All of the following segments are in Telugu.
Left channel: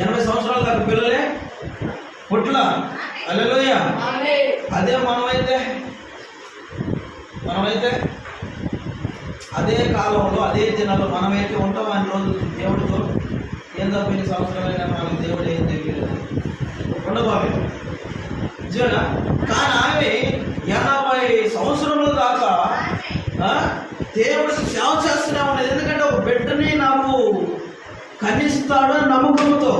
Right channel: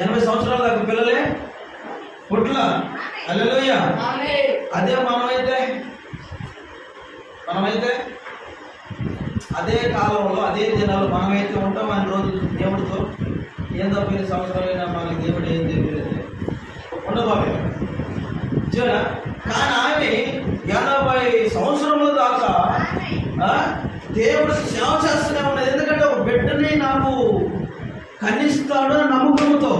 80 సంవత్సరాల దాకా పిల్లలే పుట్ల. హల్లెలూయా. అదే మనమైతే అదే కాలంలో అదే దినాల్లో మనమైతే ఉంటాం. అన్ని రోజులు దేవుడితో ఏం తప్పిన సంవత్సరాలైనా మనకి దేవుడు ఏం తెలియదు ఉండబాబే జీవన. కానీ ఆమె 80 సంవత్సరముల దాకా దేవుడికి సేవ చేస్తూనే ఉండేది. ఎందుకంటే ఒక బిడ్డని నాకు కన్నిస్తాడు అని నమ్మకంతో.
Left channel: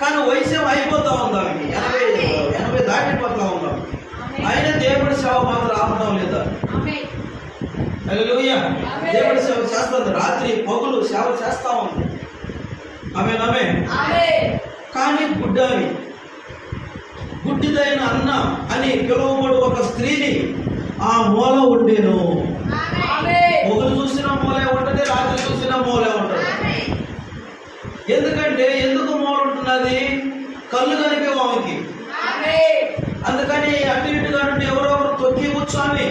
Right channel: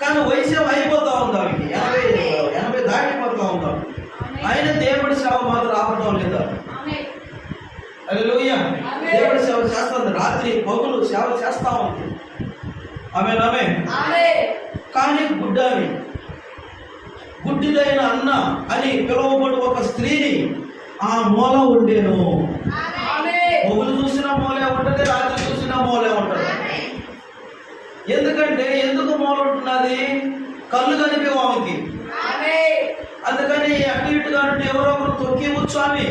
కానీ వయసు అయిపోతా ఉంది ఆమెకి, 80 దాటిపోతా ఉందా. అయినా దేవుడి సేవ మాత్రం ఆపడం లేదా. హల్లెలూయా. దేవుడి సేవ చేస్తుంది, రాత్రి పగులు సేవ చేస్తా ఉంది. ఆమె కానీ గుడ్డిదైన అన్న అని పిలువబడు ఒక స్త్రీని ఆ మూల ఉండేను. పగులు చూసిన మూలే ఉంటుంది, రాత్రి చూసిన మూలే ఉంటుంది. ఎందుకు మూల ఉంటున్నది? కళ్ళు కనిపేవు ఆమెకి. అందుకని అటు ఇటుగా నుండి ఎవరో ఒకరు తొక్కివచ్చు ఆమె,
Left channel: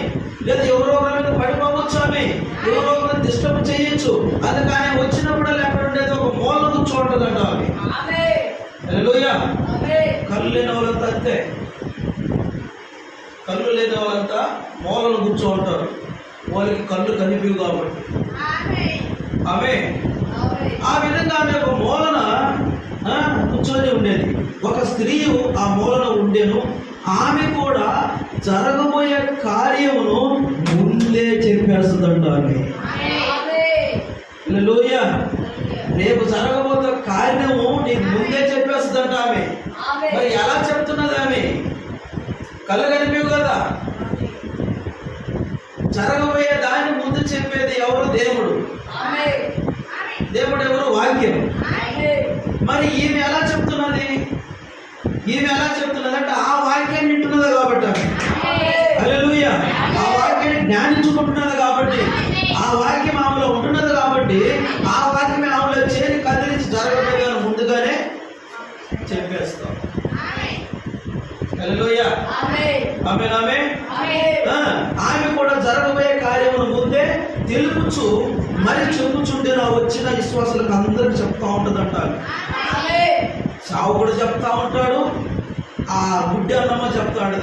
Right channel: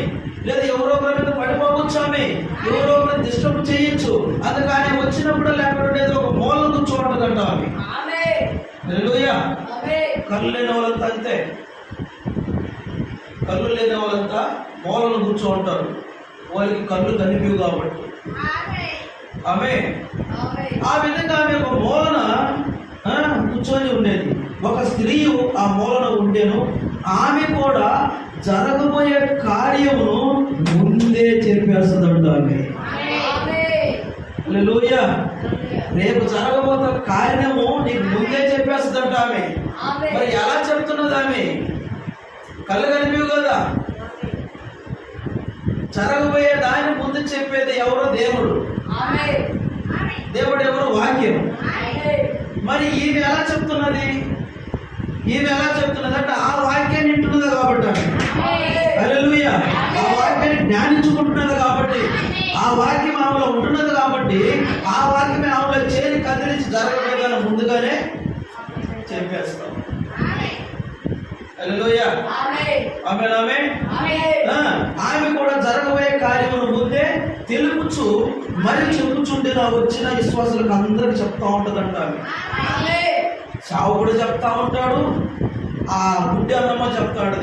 లేదా ఎవరో ఒకరి మీద పడిపోవచ్చు ఆమె, ఎవరో ఒకరు డిస్టర్బ్ చేయొచ్చు. అందుకని వచ్చినప్పుడు లేకపోతే ఉండేది ఒక మూల కూర్చోంటుందంట ఆమె. హల్లెలూయా. కళ్ళు లేని వాళ్ళంతా అంతే, కళ్ళు లేని వాళ్ళంతా మూలను కూర్చో ఉంటారు. వాళ్ళకి కళ్ళు కనిపివు కాబట్టి. ఆమె ఆ విధంగా ఆమె ఒక మూలన కూర్చొని ఉండేది. ఒక స్త్రీ ఆ మూలన ఉండేను. ఆమె కూడా జరగబోయే కార్యమును ముందే చెప్పేస్తుందంట. ఆమె హల్లెలూయా. రేపు జరగబోతే కార్యము నీకు ముందే చెప్పేస్తుందంట ఆమె. మరి ఎలా చెప్తున్నది ఆమె? కళ్ళు కనిపివు కదా. జరగబోయే దాన్ని ముందు చెప్పేది ఎవరో? దేవుడు. దేవుడు ఎవరు? వాక్యం. మరి ఈమె ఎలా చెప్తున్నది అంటే ఆ వాక్యాన్ని వింటున్నది కాబట్టి ఆమె. హల్లెలూయా. ఆ వాక్యాన్ని జ్ఞానించుకుంటున్నది కాబట్టి, ఆ వాక్యం ఆమెలో ఉంటున్నది కాబట్టి, ఆ వాక్యమే ఆమెలో చేరి కదిలించి జరగబోయే ముందుగానే చెప్పేస్తాం. హల్లెలూయా. ఆమె కూడా జరగబోయే కార్యమును ముందే తెలుపుచు మరి చెప్పుచుండి నా వచ్చిన విశ్వాసులకు అందరికి చెప్తా ఉంటదంట. సావుకుడు చెప్తా ఉంటాడు, ఆ గుడ్డి అన్నమ్మ చెప్తాడు.